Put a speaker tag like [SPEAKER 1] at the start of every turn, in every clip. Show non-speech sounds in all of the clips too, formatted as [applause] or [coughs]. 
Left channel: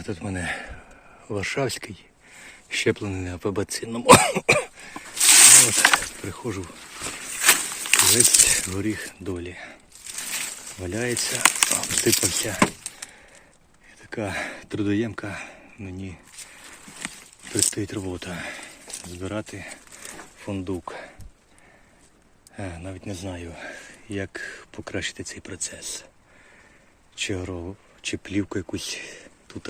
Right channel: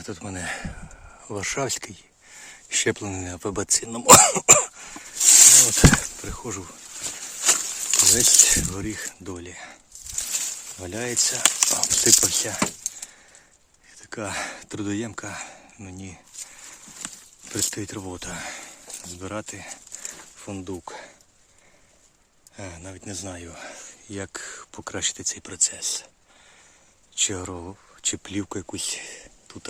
[SPEAKER 1] А тут в мене Варшавський, щеплений на пебацинному. [coughs] От, приходжу, весь горіх долі. Валяється, обсипався. Така трудоємка мені предстоїть робота. Збирати фундук. Е, Навіть не знаю, як покращити цей процес. Чи, гро- чи плівку якусь тут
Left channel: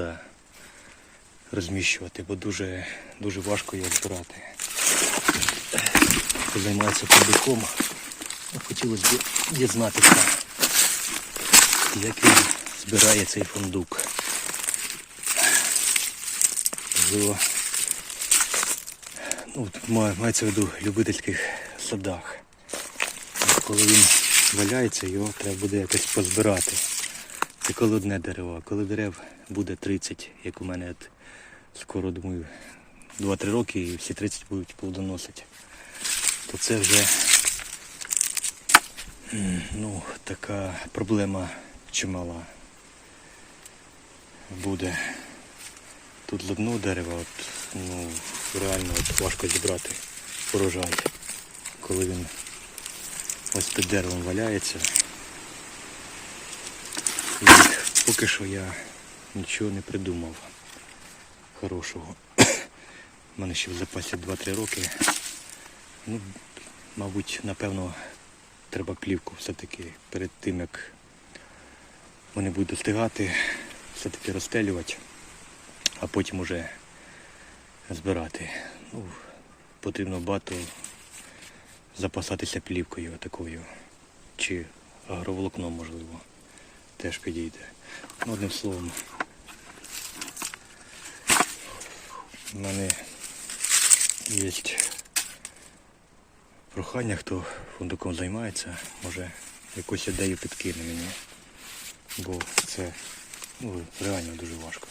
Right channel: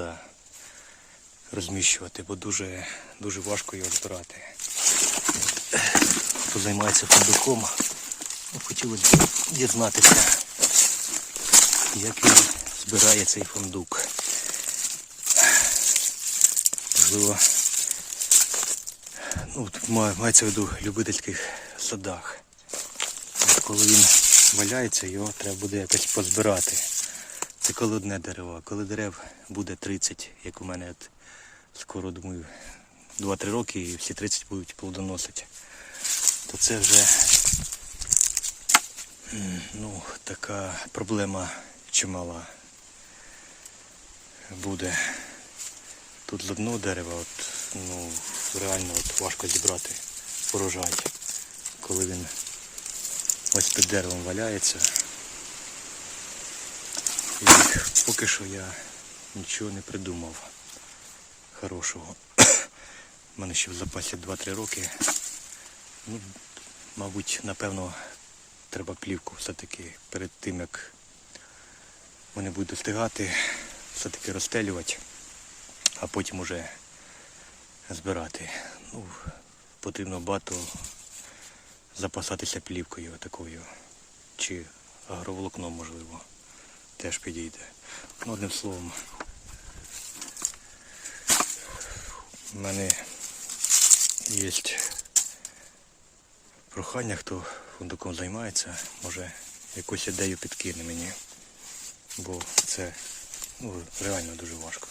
[SPEAKER 1] розміщувати, бо дуже, дуже важко його збирати. Хто займається фундуком, ну, хотілося б дізнатися, як він збирає цей фундук. Можливо, ну, мається в виду любительських садах. Коли він валяється, його треба буде якось позбирати. Це коли одне дерево, коли дерев буде 30, як у мене от скоро думаю 2-3 роки і всі 30 будуть плодоносити, то це вже ну, така проблема чимала буде. Тут з дерева от, ну, реально от важко зібрати урожай, коли він ось під деревом валяється. І поки що я нічого не придумав хорошого. У мене ще в запасі 2-3 роки. Ну, мабуть, напевно, треба плівку все-таки перед тим, як вони будуть достигати, все-таки розстелювати, а потім уже збирати. Ну, потрібно багато запасатися плівкою такою. Чи агроволокном можливо теж підійде. Одним словом, в мене є прохання, хто фундуком займається, може якусь ідею підкине мені, бо це ну, реально дуже важко.